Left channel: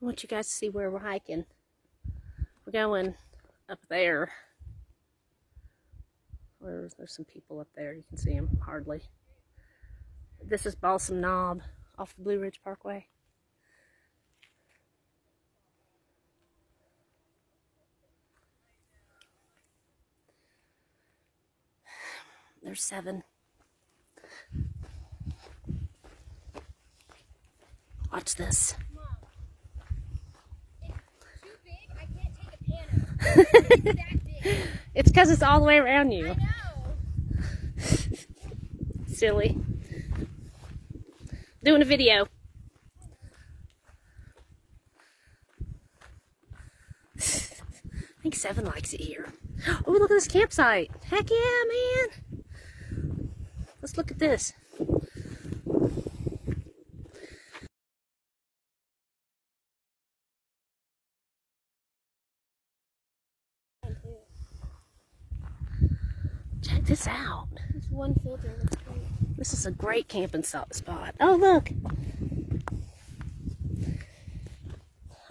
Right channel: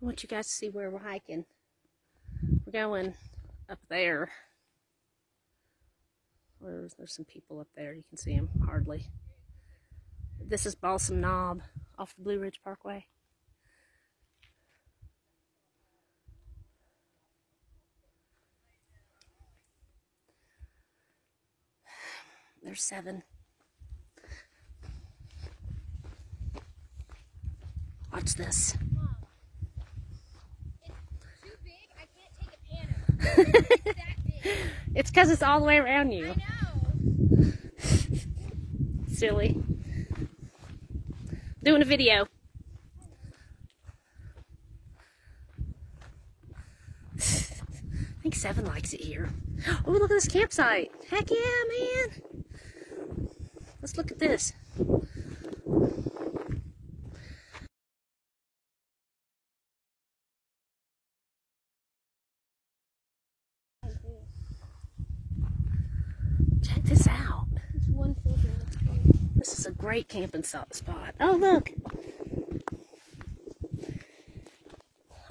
I want you guys to see where we're hiking. We're going up there. There's some people up there. You can see them hardly. This is Balsam Knob off the Blue Ridge Parkway. There's 7. Watch this. Mom, it's too big. I can't take a panel. It's that big. It's because it's all the way around you. I know. Silly. Doing a video. I think 7 likes it here. Oh, look at this campsite. Heck yeah, man. Let's look at this. Check this out. It's one filter. This is a great camping spot. Oh, look.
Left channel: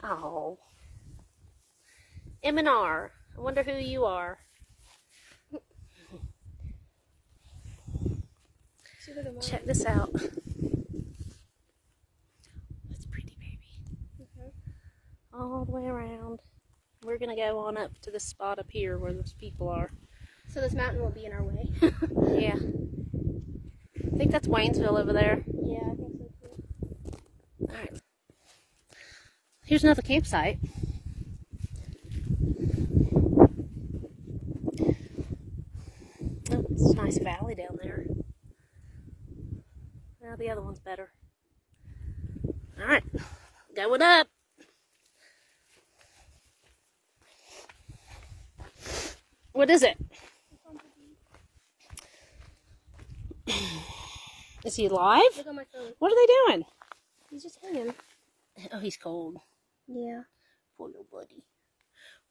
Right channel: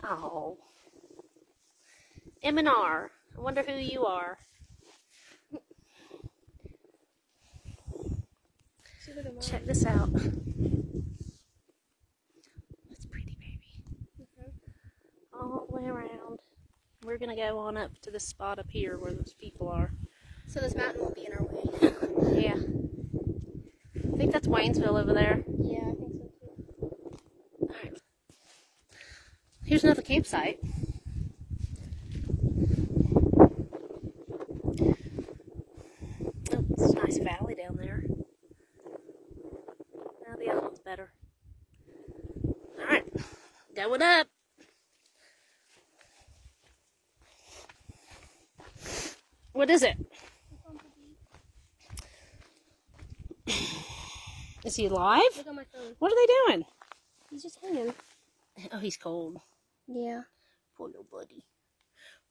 Oh. M&R. I wonder who you are. Check this out. That's pretty, baby. All the way around. We're going to go on up to this spot up here where those people are. So this mountain won't be in our way. Yeah. I think that's Waynesville over there. Yeah, I think so too. Alright. Here's another campsite. Oh, it's a nice valley down there. Now the other one's better. Alright. Going up. What is it? Is he alive? Look on my phone. What are they doing? He's just hanging. Oh, he's cold. Yeah. Poor little buddy.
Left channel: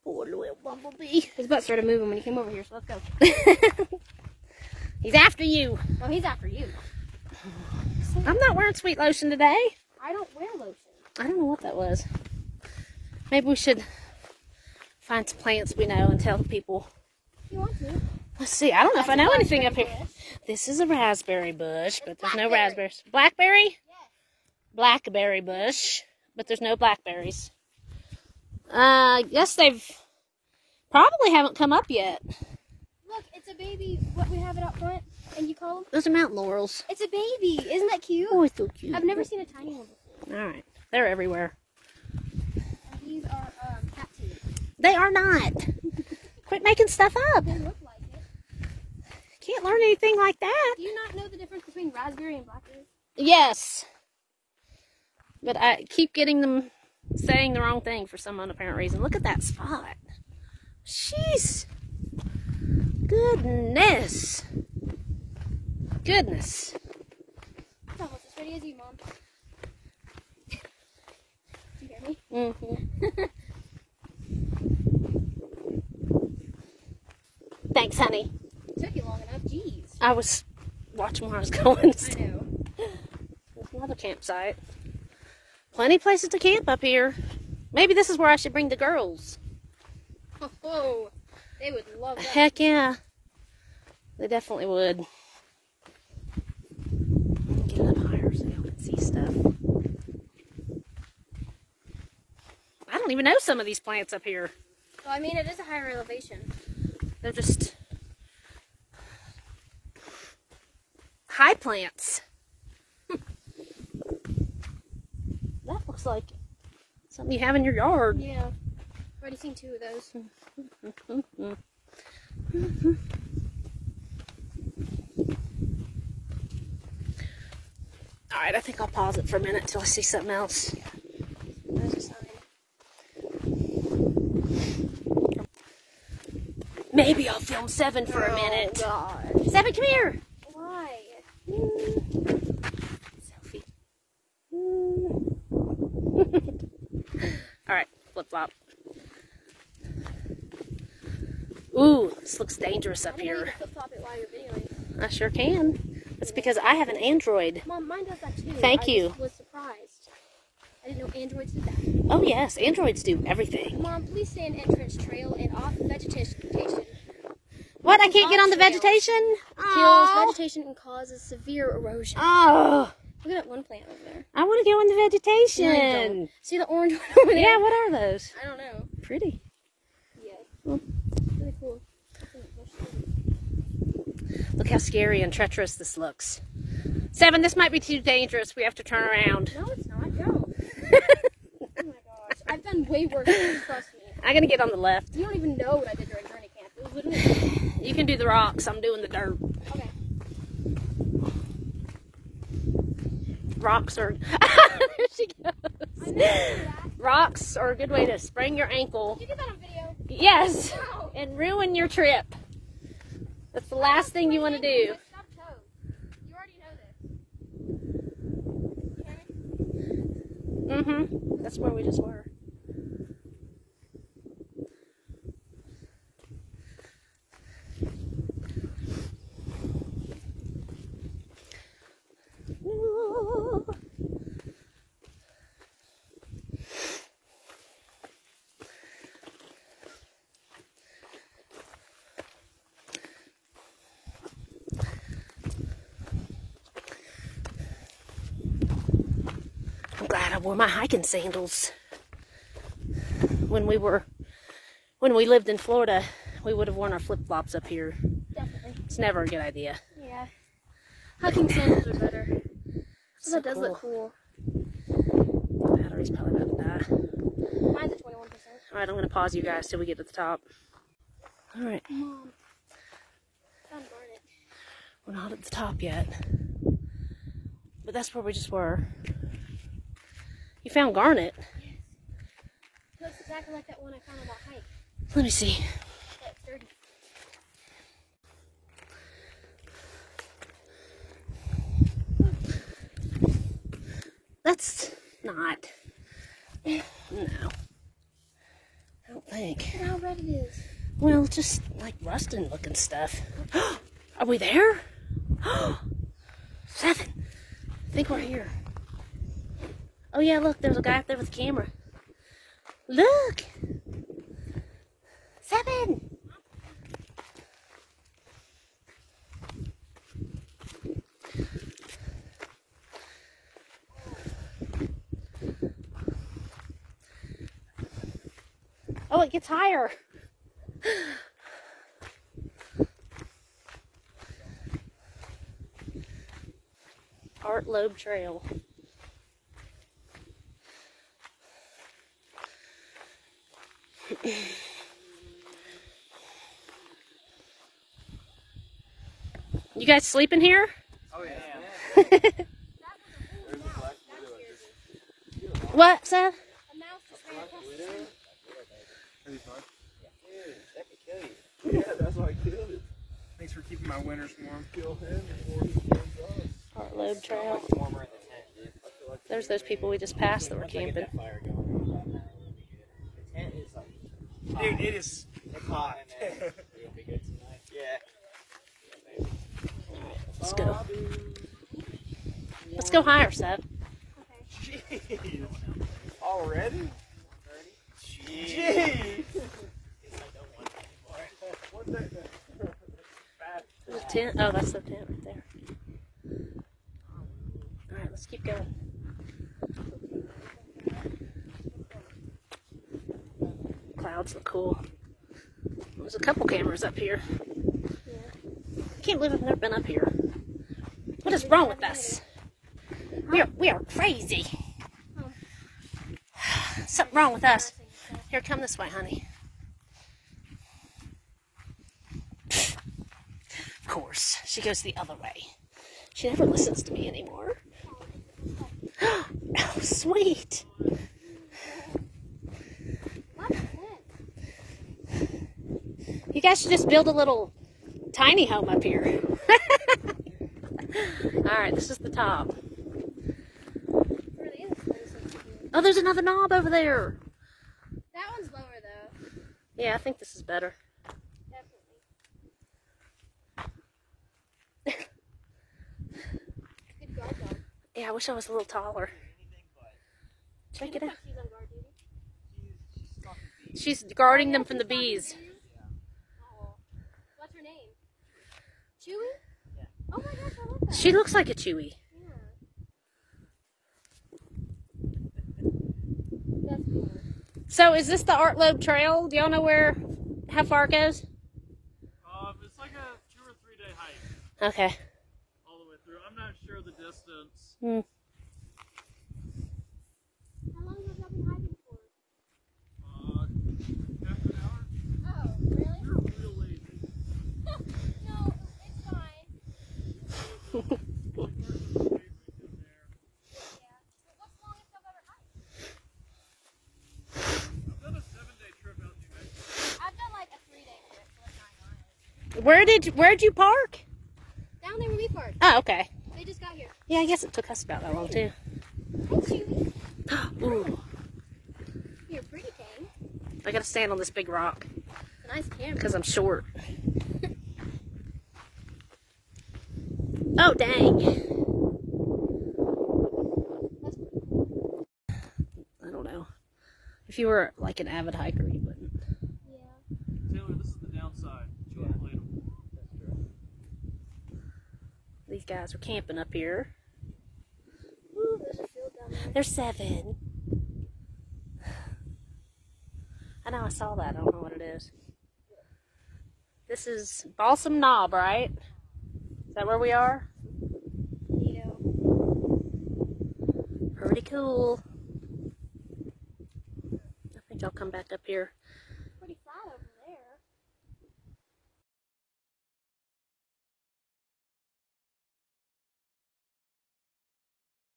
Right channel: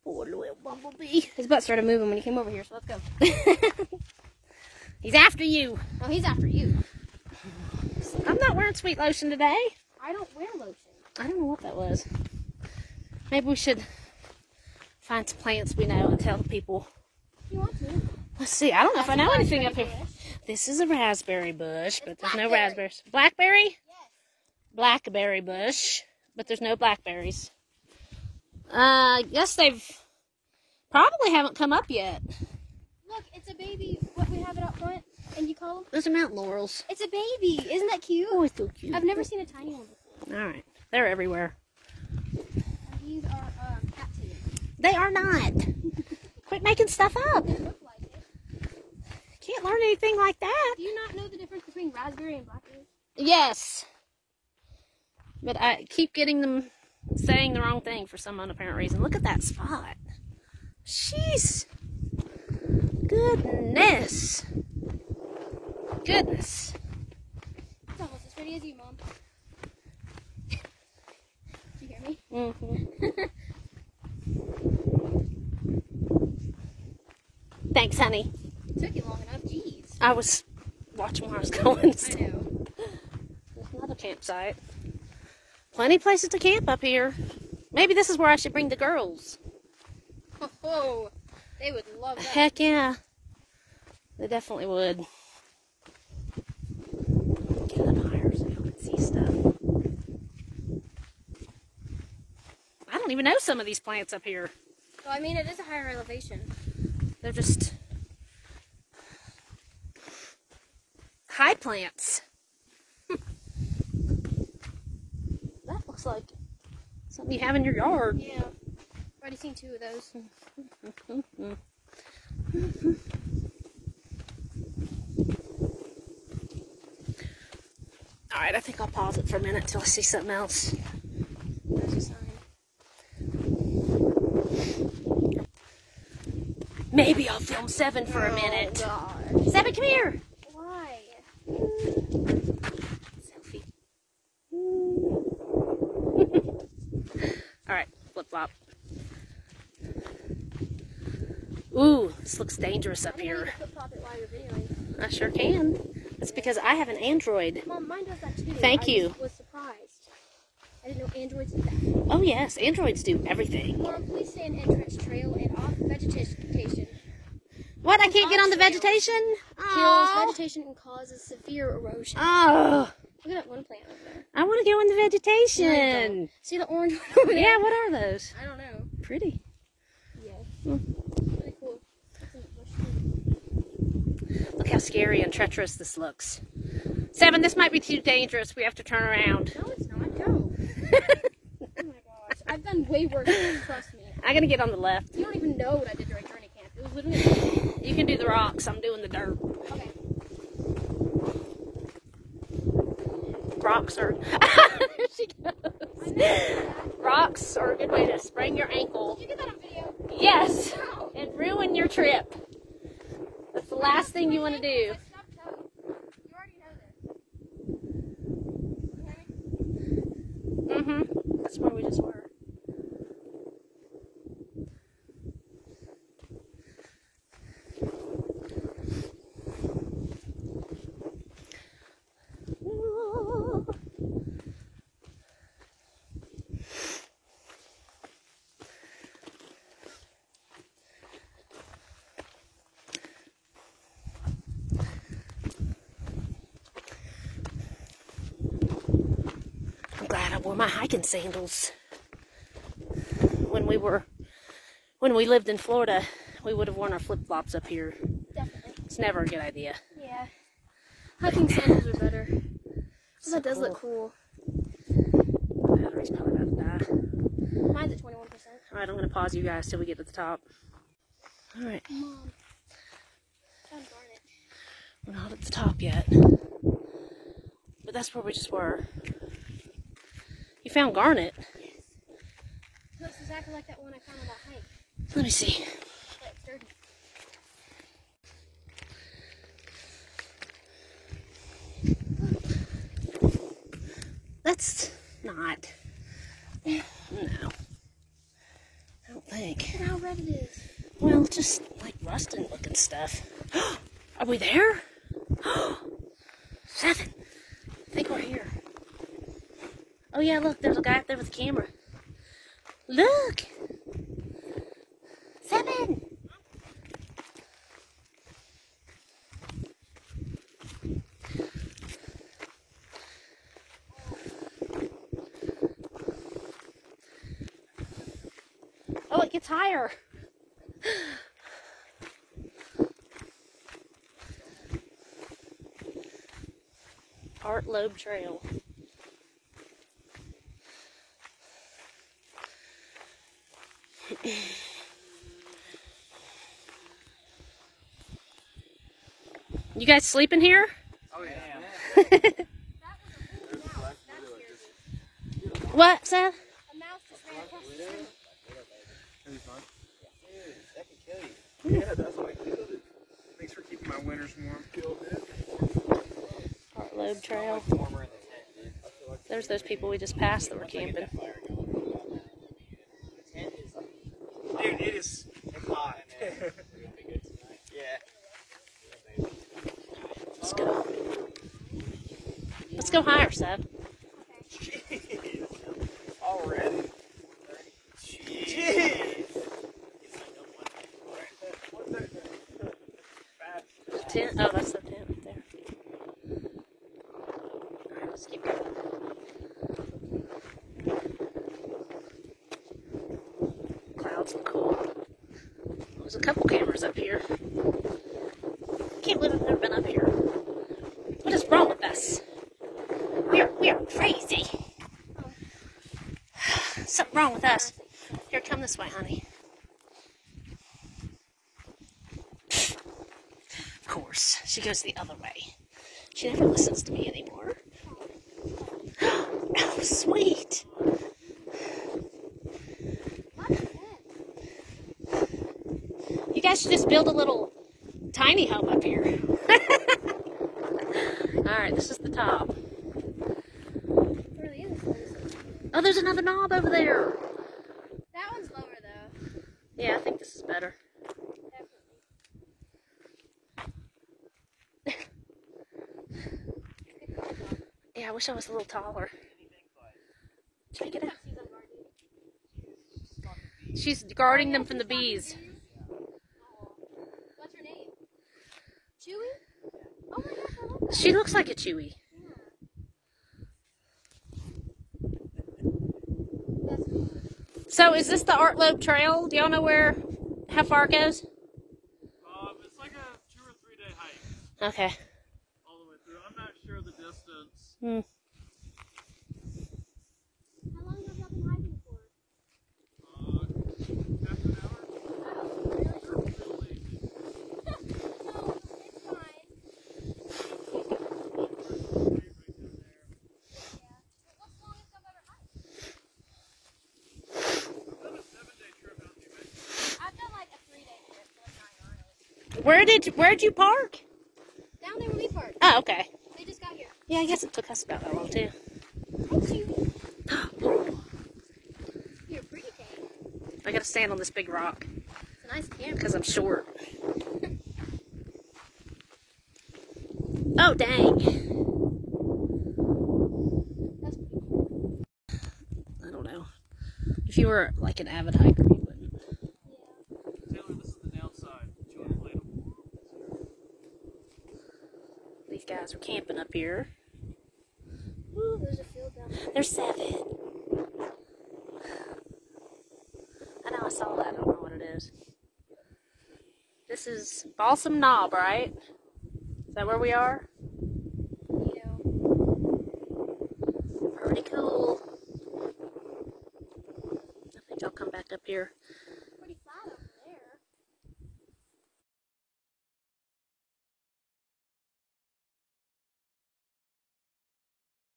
Poor little bumblebee. His butt started moving when he came over here, so let's go. He's after you. Oh, he's after you. I'm not wearing sweet lotion today. I don't wear lotion. I don't know what that was. Maybe we should find some plants we know and tell people. If you want to. Let's see. I don't know if I know anything up here. Bush. This is a raspberry bush, but there's no raspberries. Blackberry? Yes. Blackberry bush, but there's no blackberries. I guess they've probably haven't come up yet. Look, it's a baby. What, we have it up front, and you call them? Those are mountain laurels. It's a baby. Isn't that cute? Oh, it's so cute. I've never seen a tiny one before. All right. They're everywhere. And these are cattails. They are not. Quit making stuff up. They look like it. Can't learn anything like that. Do you not know the difference between raspberry and blackberry? Yes. But I keep getting them saying the wrong thing for some unapparent reason. Look at that spot. Jeez. Goodness. Goodness. It's almost as pretty as you, Mom. Do you hear me? Mm-hmm. Thanks, honey. It took you long enough. Jeez. I was watching where I was going. I know. There's another campsite. Plenty of places to camp up here. Maybe this is where I should bring the girls. Oh, they would love that. Heck yeah. They definitely would. Get up higher so y'all can see stuff. I don't even know some of these plants up here. Well, I mean, it is a higher elevation. They're just high plants. That looks like something you have in your yard. Yeah. I've already seen 2 of those. Alright, I think I'll pause it for a minute until I see something else. Maybe I'll film 7 for a minute. God. 7, come here. Why? Selfie. Alright, flip flop. Ooh, this looks dangerous up here. Flip-flop it while you're videoing. I sure can. That's because I have an Android. Mom, mine does that too. Thank you. I was surprised. I didn't know androids do that. Oh yes, androids do everything. Mom, please say an entrance trail and off vegetation. What? I can't get on the vegetation? Kills Oh. vegetation and causes severe erosion. Oh. Look at that one plant over there. I want to go in the vegetation. See the orange one over there? Yeah, what are those? I don't know. Pretty. Yeah. Mm. Really cool. Look how scary and treacherous this looks. 7, this might be too dangerous. We have to turn around. No, it's not. Go. Oh my gosh. I've done way worse than this, trust me. I'm going to get on the left. You don't even know what I did during training camp. It was literally... You can do the rocks. I'm doing the dirt. Okay. Rocks are... There she goes. Rocks are a good way to sprain your ankle. Did you get that on video? Yes. No. And ruin your trip. That's the last thing you want to do. Let's drop toe. You already know this. Okay? Mm-hmm. That's where we just were. I'm glad I wore my hiking sandals. When we lived in Florida, we would have worn our flip-flops up here. Definitely. It's never a good idea. Yeah. Hiking sandals are better. So That does cool. look cool. The battery's probably about to die. Mine's at 21%. Alright, I'm going to pause you guys till we get to the top. Alright, Mom. Found garnet. we're not at the top yet. But that's where we just were. You found garnet? Looks exactly like that one I found on that hike. Let me see. But it's dirty. That's not. No. I don't think. Look at how red it is. Well, just like rusting looking stuff. Are we there? 7. I think we're here. Oh yeah, look, there's a guy up there with a camera. Look! 7! Oh, it gets higher. Art Loeb Trail. You guys sleeping here? Oh yeah. What, Seth? A mouse just ran across the street. Yeah, that's why I killed it. Thanks for keeping my winters warm. Art Loeb Trail. There's those people we just passed that were camping. Dude, it's hot. Yeah. Let's go. Let's go higher, Seth. Jeez. Already? Jeez. The tent. Oh, that's the tent right there. Alright, let's keep going. Clouds look cool. There's a couple cameras up here. Can't believe I've never been up here. What is wrong with us? We are crazy. Something wrong with us. Here, come this way, honey. Of course, she goes the other way. She never listens to me anymore. Oh, sweet. You guys should just build a little tiny home up here. Alright, this is the top. Really is. Oh, there's another knob over there. That one's lower though. Yeah, I think this is better. Definitely. Yeah, I wish I was a little taller. Check it out. She's guarding them from the bees. What's her name? Chewy? Oh my gosh, I love She looks like a Chewy. that. That's cool. So is this the Art Loeb Trail? Do y'all know how far it goes? It's like a 2 or 3 day hike Okay. all the way through. I'm not sure the distance. Hmm. How long have y'all been hiking for? Half an hour. Oh, really? Real lazy. Oh, it's fine. Yeah. But what's the longest I've ever hiked? We're on a 7-day trip out to New Mexico. I've done like a 3-day trip. Where'd you park? Down there when we parked. Oh, okay. They just got here. Yeah, I guess it took us about that long too. Chewy. Ooh, You're pretty, Kate. I gotta stand on this big rock It's a nice camera. because I'm short. Oh dang! That's pretty cool. I don't know. If you were like an avid hiker, you wouldn't. Yeah. Taylor, this is the downside. You want to play them? These guys are camping up here. Ooh, there's a field down there. There's 7. I know I saw that. I don't know what it is. This is Balsam Knob, right? Is that where we are? Yeah. Pretty cool. I think I'll come back up here. Pretty flat over there.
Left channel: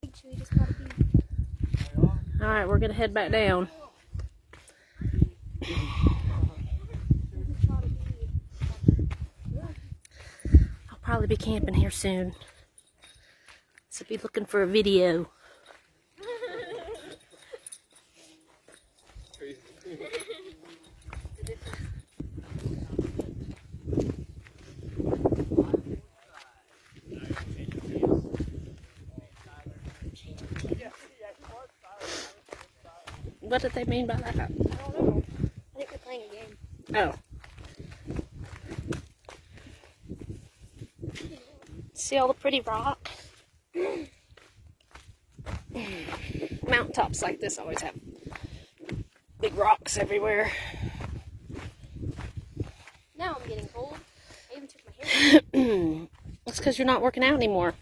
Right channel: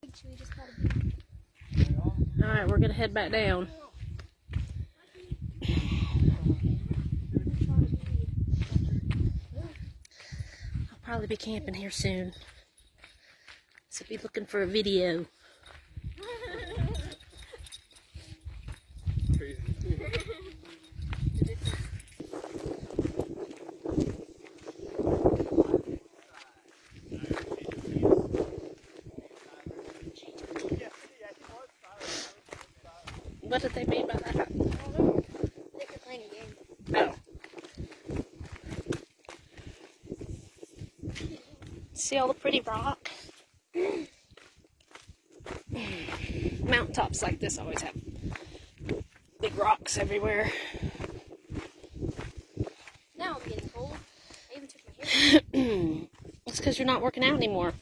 Big Chewy just caught a bee. All right, we're gonna head back down. Just caught a bee. I'll probably be camping here soon. So be looking for a video. Crazy. What did they mean by that? I think we're playing a game. Oh. See all the pretty rock? Mountaintops like this always have big rocks everywhere. Now I'm getting cold. I even took my hair. That's because you're not working out anymore.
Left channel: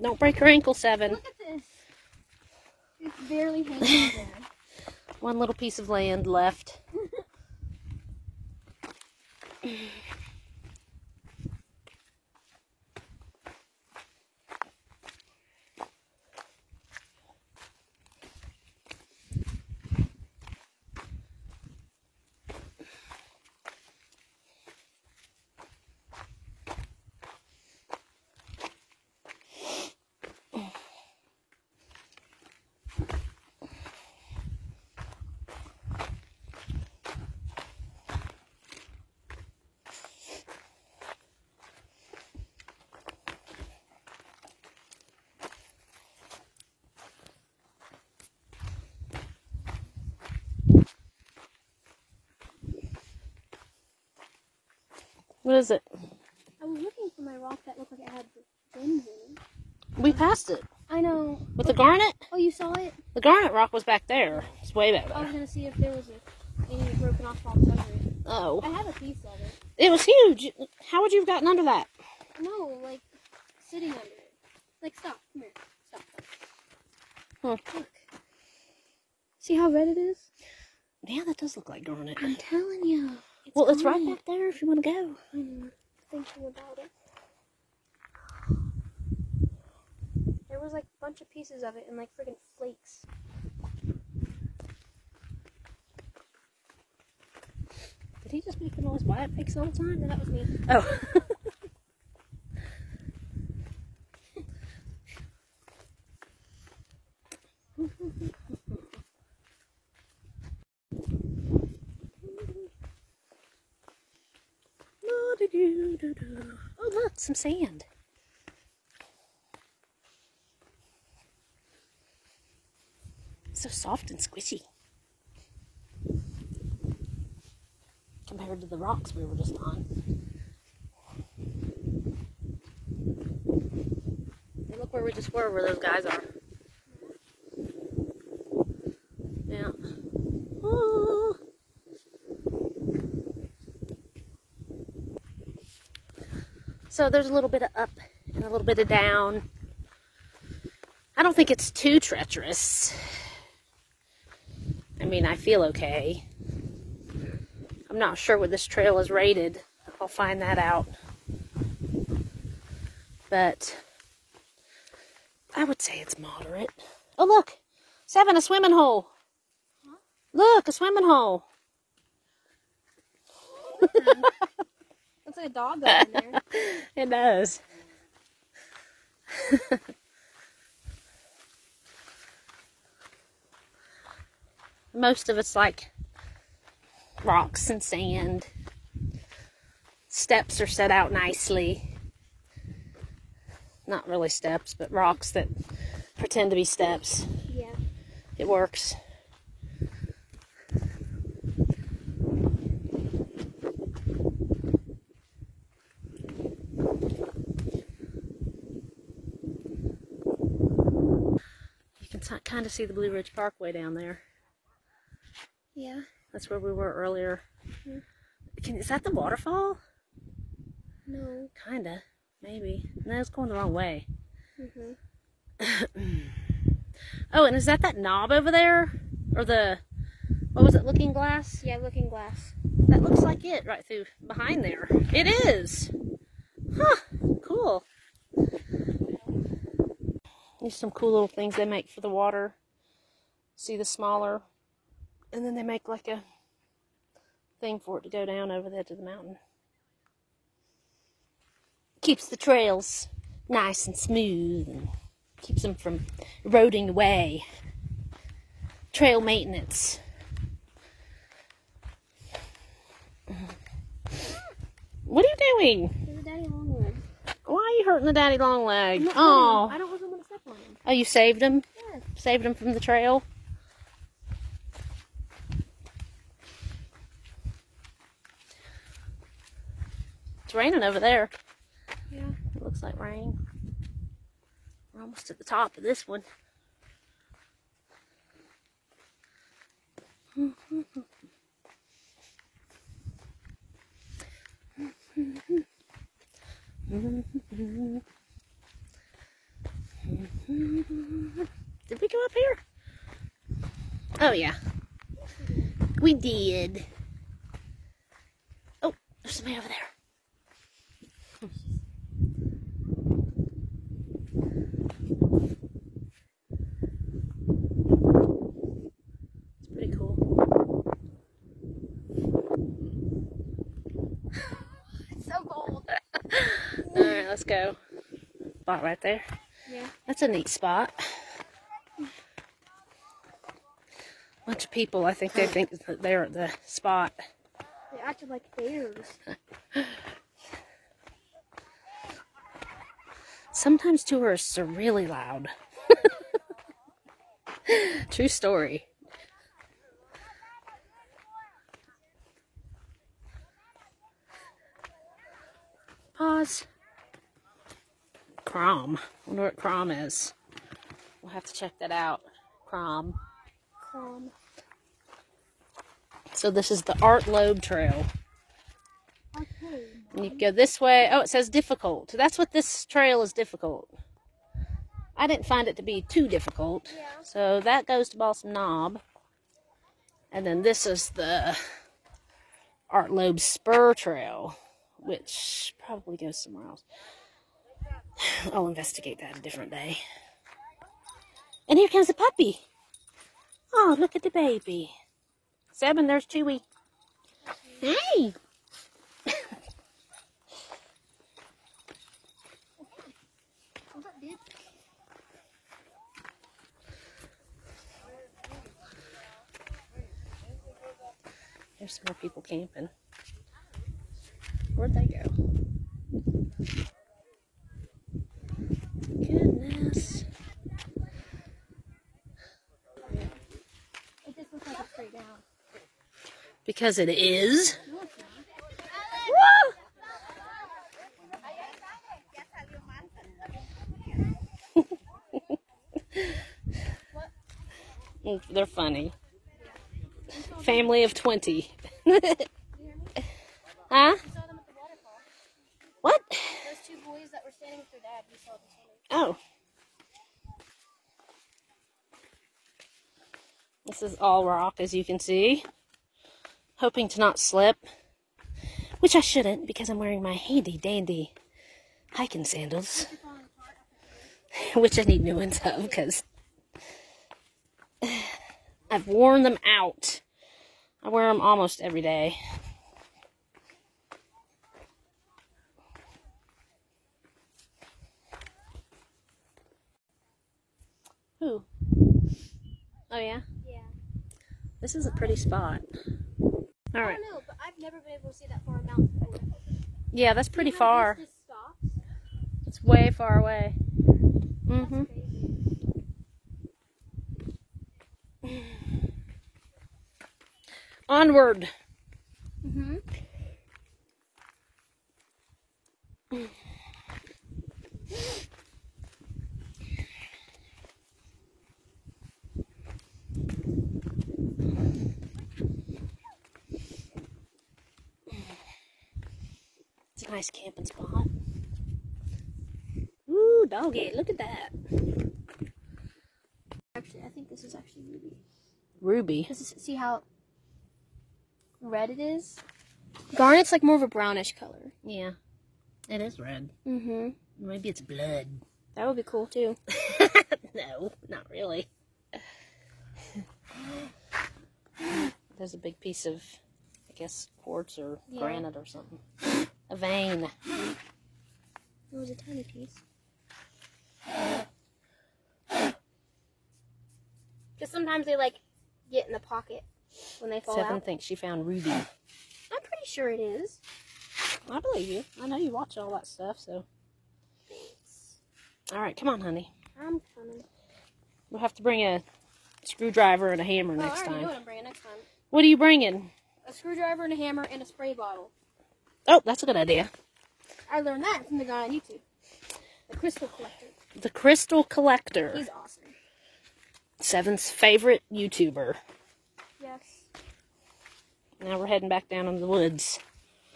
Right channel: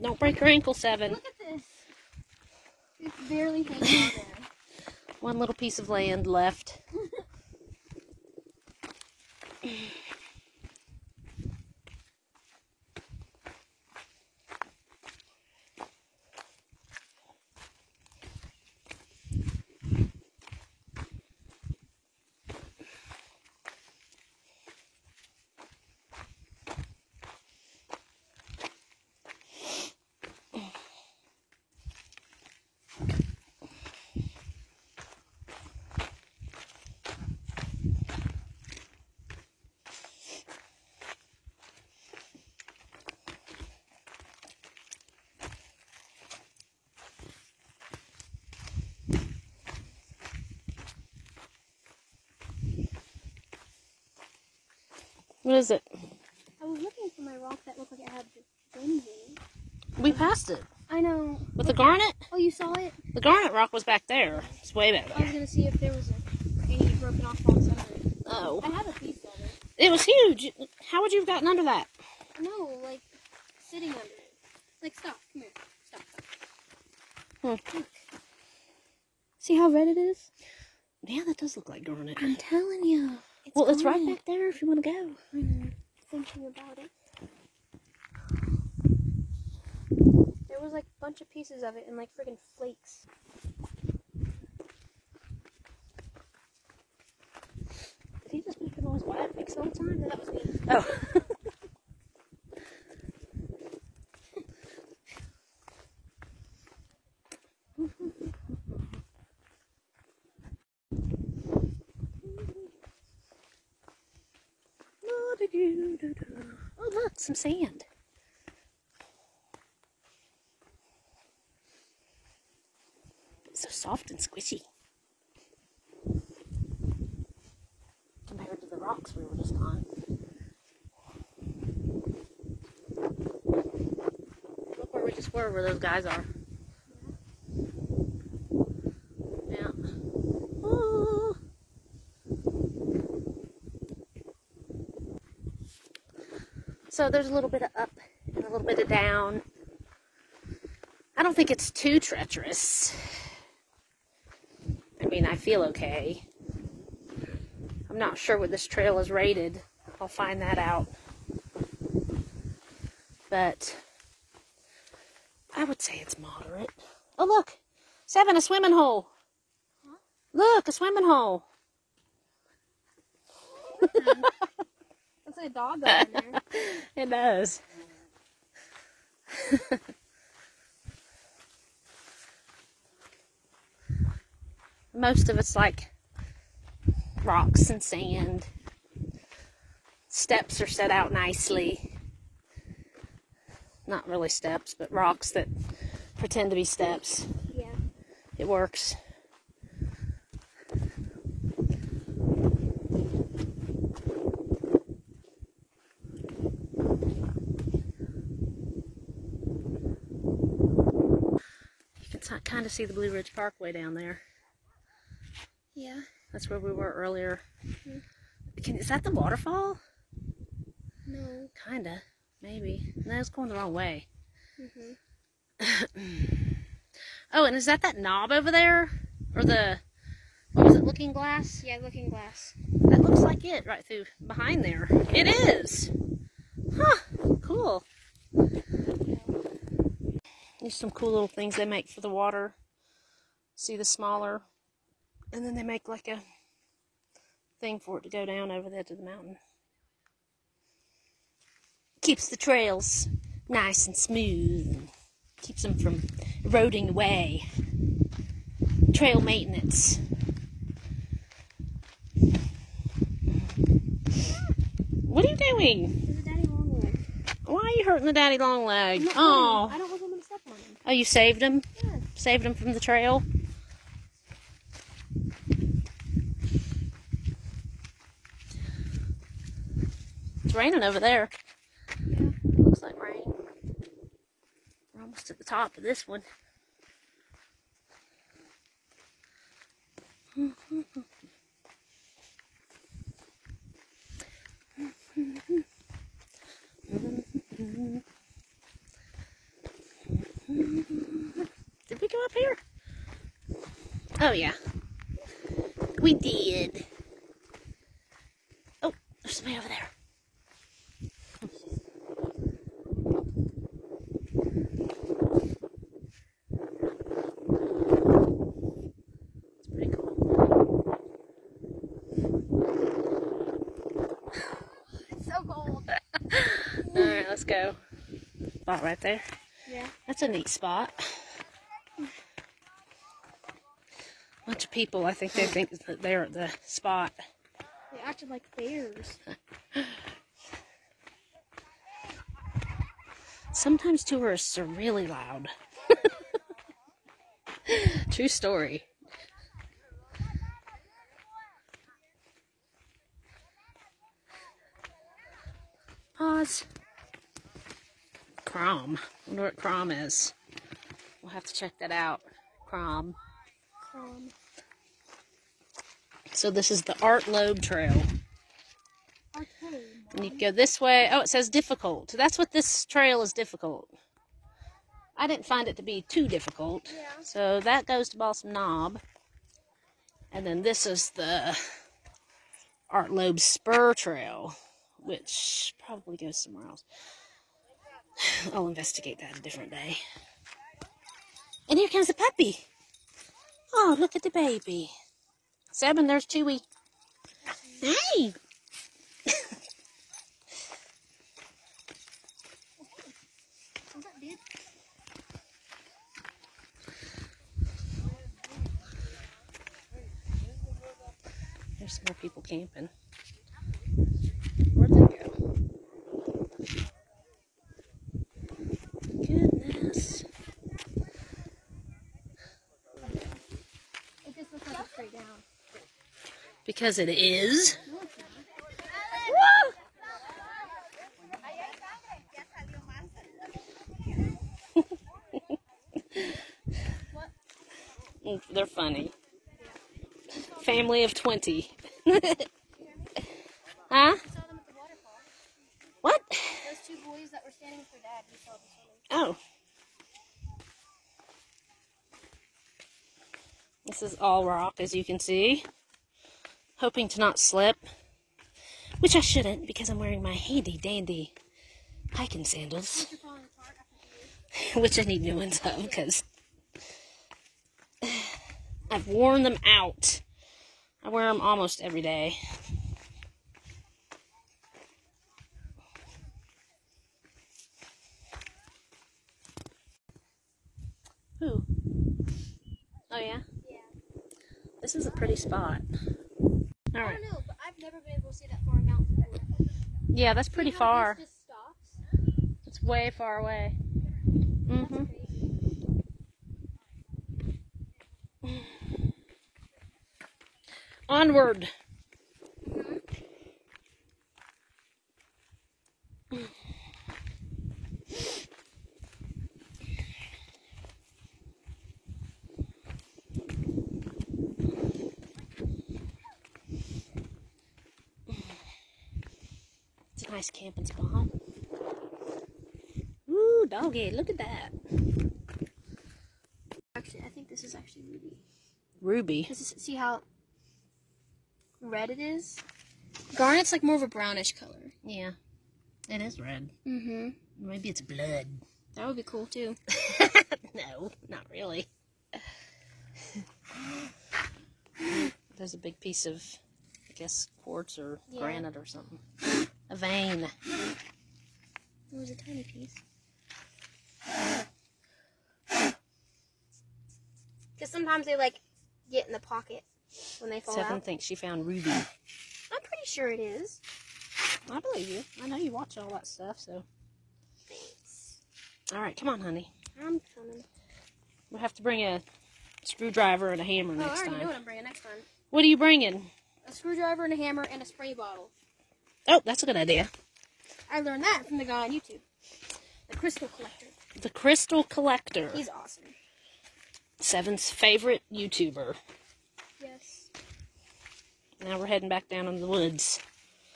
Don't break your ankle, 7. Look at this. It's barely hanging on there. One little piece of land left. What is it? I was looking for my rock that looked like it had gems in it. We passed it. I know. With the garnet? Oh, you saw it? The garnet rock was back there. It's way back I was there. gonna see if there was any broken off box under it. I Oh. have a piece of it. It was huge. How would you have gotten under that? No, like sitting under it. Like stop. Come here. Stop. Oh. Look. See how red it is? Yeah, that does look like garnet. I'm telling you. Well, it's right garnet. back there if you want to go. I'm thinking about it. There was like a bunch of pieces of it and like friggin' flakes. Did he just make the noise why it makes all the time? No, that was me. Oh. Oh, look, some sand. soft and squishy. Compared to the rocks we were just on. Look where we just were, where those guys are. Yeah. Ooh. So there's a little bit of up and a little bit of down. I don't think it's too treacherous. I mean, I feel okay. I'm not sure what this trail is rated. I'll find that out. But I would say it's moderate. Oh, look! 7, a swimming hole. Look, a swimming hole. Looks like a dog in there. It does. Most of it's like rocks and sand. Steps are set out nicely. Not really steps, but rocks that pretend to be steps. Yeah. It works. You can kind of see the Blue Ridge Parkway down there. Yeah. That's where we were earlier. Mm-hmm. Is that the waterfall? No. Kinda. Maybe. No, it's going the wrong way. Mm-hmm. Oh, and is that knob over there? Or the, what was it, Looking Glass? Yeah, Looking Glass. That looks like it right through behind there. It is. Huh. Cool. There's some cool little things they make for the water. See the smaller. And then they make like a thing for it to go down over the edge of the mountain. Keeps the trails nice and smooth and keeps them from eroding away. Trail maintenance. What are you doing? There's a daddy long leg. Why are you hurting the daddy long leg? I Oh, don't want him to step on him. oh, you saved him? Yeah. Saved him from the trail? It's raining over there. Yeah. Looks like rain. We're almost at the top of this one. Did we go up here? Oh, yeah. We did. Oh, there's somebody over there. Pretty cool. It's so cold. Alright, let's go. Spot right there. Yeah. That's a neat spot. Bunch of people, I think they think that they're at the spot. They acted like bears. Sometimes tourists are really loud. True story. Pause. Crom. I wonder what Crom is. We'll have to check that out. Crom. So this is the Art Loeb Trail. Okay. And you go this way. Oh, it says difficult. That's what this trail is, difficult. I didn't find it to be too difficult. Yeah. So that goes to Balsam Knob. And then this is the Art Loeb Spur Trail, which probably goes somewhere else. I'll investigate that a different day. And here comes the puppy. Oh, look at the baby. Seven, there's Chewy. Hey! What's up, dude? There's some more people camping. Where'd they go? Goodness. Because it is. No, it's not. They're funny. Family of 20. Huh? I saw them at the waterfall. What? Those two boys that were standing with their dad, we saw them swimming. Oh. This is all rock, as you can see. Hoping to not slip. Which I shouldn't, because I'm wearing my handy dandy hiking sandals. Which I need new ones of, because I've worn them out. I wear them almost every day. Ooh. Oh yeah? Yeah. This is a pretty spot. I Alright. don't know, but I've never been able to see that far mountain before. Yeah, that's pretty See how far. this just stops? It's way far away. Mm-hmm. Onward. Mm-hmm. It's a nice camping spot. Ooh, doggy, look at that. Actually, I think this is actually ruby. Ruby. See how red it is? Garnet's like more of a brownish color. Yeah. It is red. Mm-hmm. Maybe it's blood. That would be cool too. No, not really. There's a big piece of, I guess, quartz or granite or something. A vein. It was a tiny piece. Because sometimes they like get in the pocket when they fall Seven out. thinks she found ruby. I'm pretty sure it is. I believe you. I know you watch all that stuff, so. Thanks. All right, come on, honey. I'm coming. We'll have to bring a screwdriver and a hammer next I already know time. what I'm bringing next time. What are you bringing? A screwdriver and a hammer and a spray bottle. Oh, that's a good idea. I learned that from the guy on YouTube. The Crystal Collector. The Crystal Collector. He's awesome. Seven's favorite YouTuber. Yes. Now we're heading back down in the woods.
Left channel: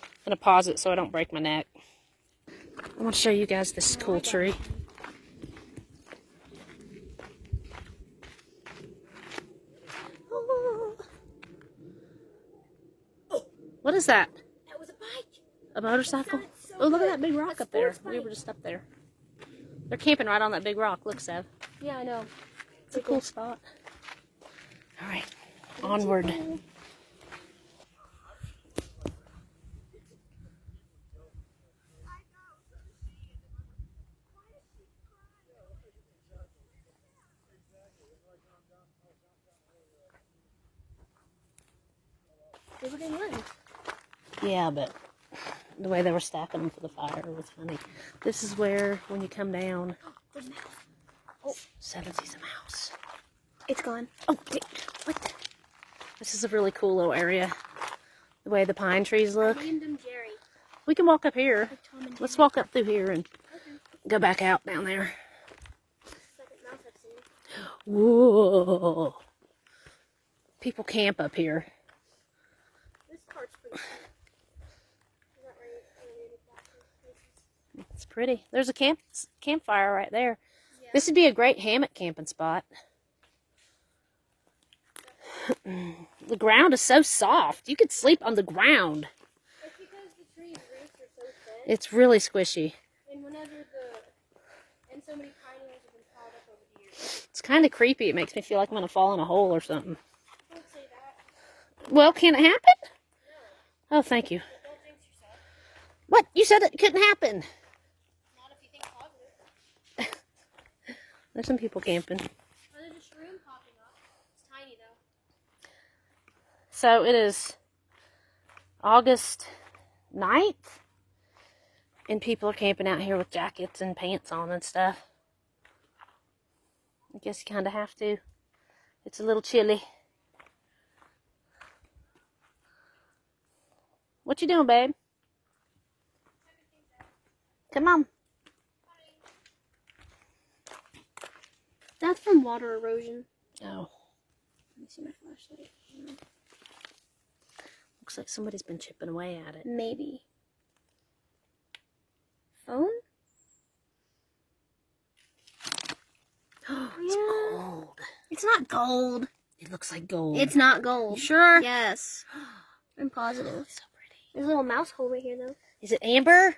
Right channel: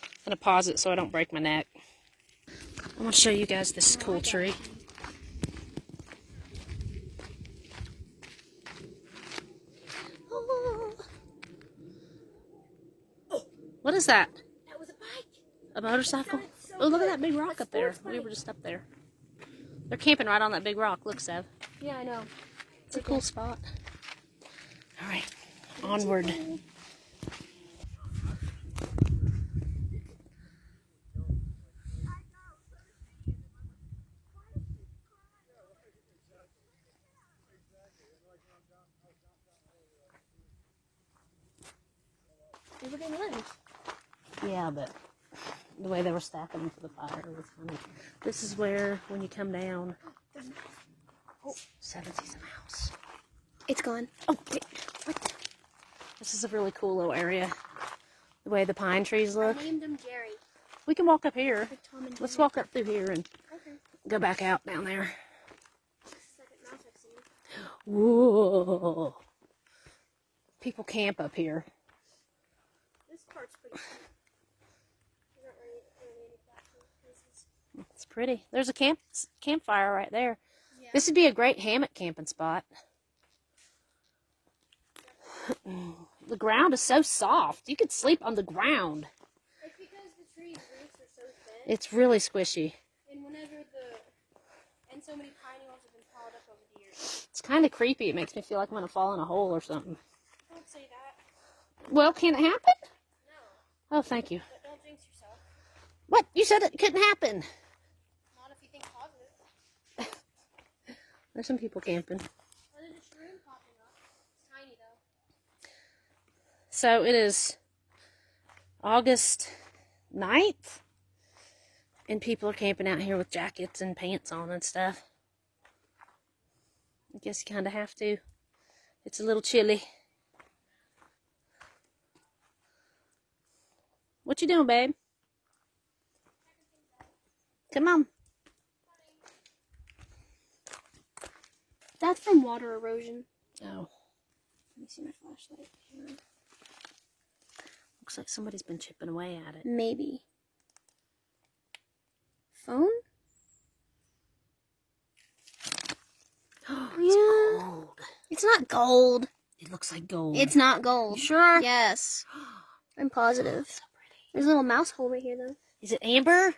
I'm going to pause it so I don't break my neck. I want to show you guys this cool tree. Oh. What is that? That was a bike. A motorcycle? Oh, look at that big rock up there. We were just up there. They're camping right on that big rock. Look, Sev. Yeah, I know. It's a cool spot. All right, onward. Everything learned. Yeah, but the way they were stacking them for the fire was funny. This is where, when you come down, oh, Seven sees a mouse. It's gone. Oh, wait, what? This is a really cool little area. The way the pine trees look. Named him Jerry. We can walk up here. Like Tom and Let's Jerry. walk up through here and Okay. go back out down there. Second mouse I've seen. Whoa. People camp up here. This part's pretty cool. There's not really any platform places. It's pretty. There's a campfire right there. Yeah. This would be a great hammock camping spot. The ground is so soft. You could sleep on the ground. It's because the tree's roots are so thin. It's really squishy. And so many pine needles have been piled up over the years. It's kind of creepy. It makes me feel like I'm going to fall in a hole or something. Don't say that. Well, can it happen? No. Oh, thank you. But don't jinx yourself. What? You said it couldn't happen. Not if you think positive. There's some people camping. Oh, there's a shroom popping up. It's tiny though. So it is August 9th. And people are camping out here with jackets and pants on and stuff. I guess you kind of have to. It's a little chilly. What you doing, babe? Come on. That's from water erosion. Oh. Let me see my flashlight. Looks like somebody's been chipping away at it. Maybe. Phone? Oh, it's Yeah. gold. It's not gold. It looks like gold. It's not gold. You sure? Yes. I'm positive. So pretty. There's a little mouse hole right here, though. Is it amber?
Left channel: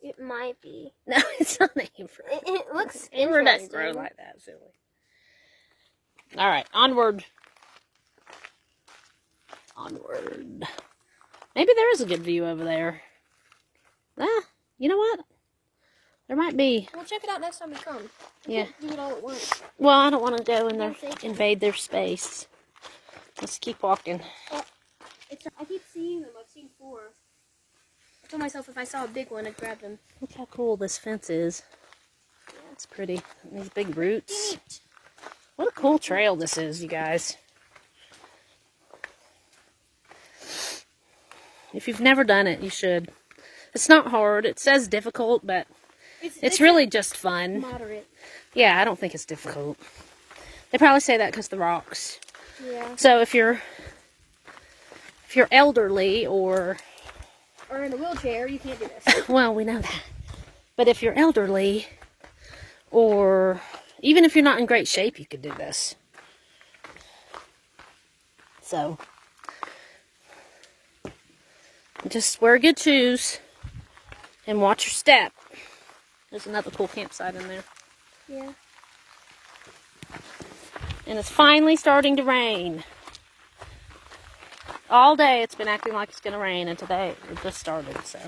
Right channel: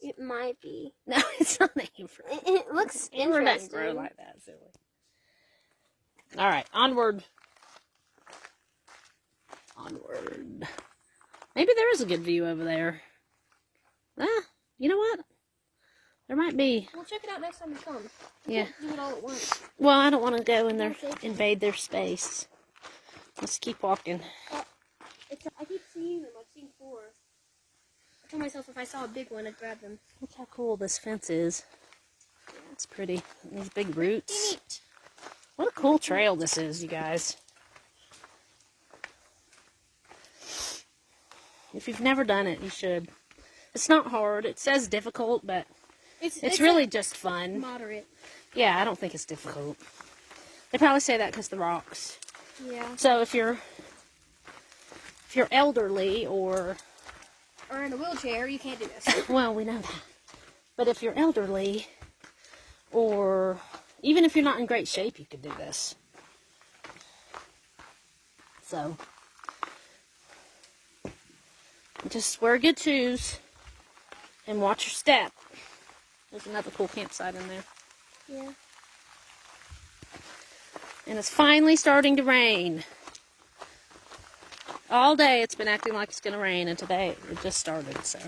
It might be. No, it's not amber. It looks Amber doesn't interesting. grow like that, silly. All right, onward. Onward. Maybe there is a good view over there. Ah, you know what? There might be. We'll check it out next time we come. Yeah. Can't do it all at once. Well, I don't want to go in there, Yeah, thank you. invade their space. Let's keep walking. I keep seeing them. I've seen 4. I told myself if I saw a big one, I'd grab them. Look how cool this fence is. It's pretty. And these big roots. What a cool trail this is, you guys. If you've never done it, you should. It's not hard. It says difficult, but it's really just fun. Moderate. Yeah, I don't think it's difficult. They probably say that because of the rocks. Yeah. So if you're elderly or in a wheelchair, you can't do this. well, we know that. But if you're elderly or even if you're not in great shape, you could do this. So just wear good shoes and watch your step. There's another cool campsite in there. Yeah. And it's finally starting to rain. All day it's been acting like it's going to rain, and today it just started, so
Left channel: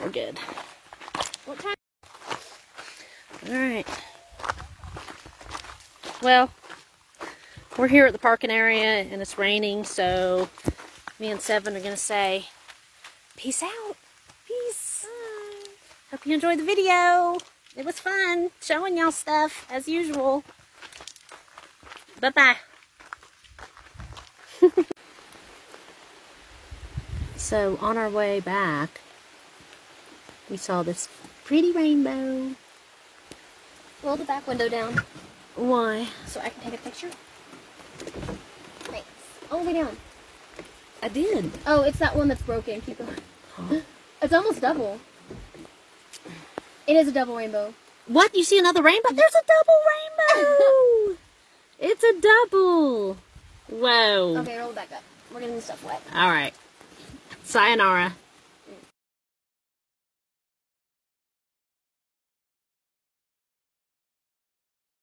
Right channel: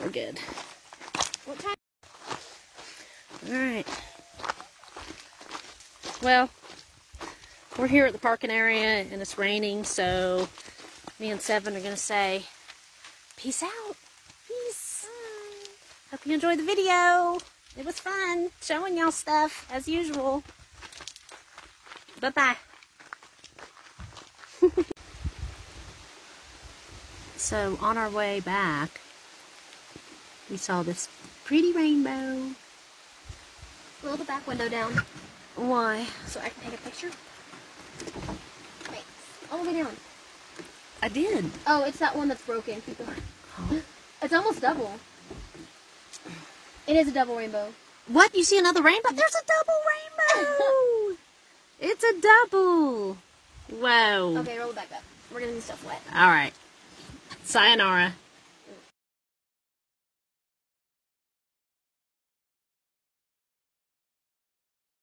we're good. What time? Alright. Well, we're here at the parking area, and it's raining, so me and Seven are going to say, peace out. Peace. Bye. Hope you enjoyed the video. It was fun showing y'all stuff, as usual. Bye-bye. So, on our way back, we saw this pretty rainbow. Roll the back window down Why? so I can take a picture. Thanks. All the way down. I did. Oh, it's that one that's broken. Keep going. Oh. It's almost double. It is a double rainbow. What? You see another rainbow? There's a double rainbow! It's a double! Whoa. Okay, roll it back up. We're getting stuff wet. Alright. Sayonara.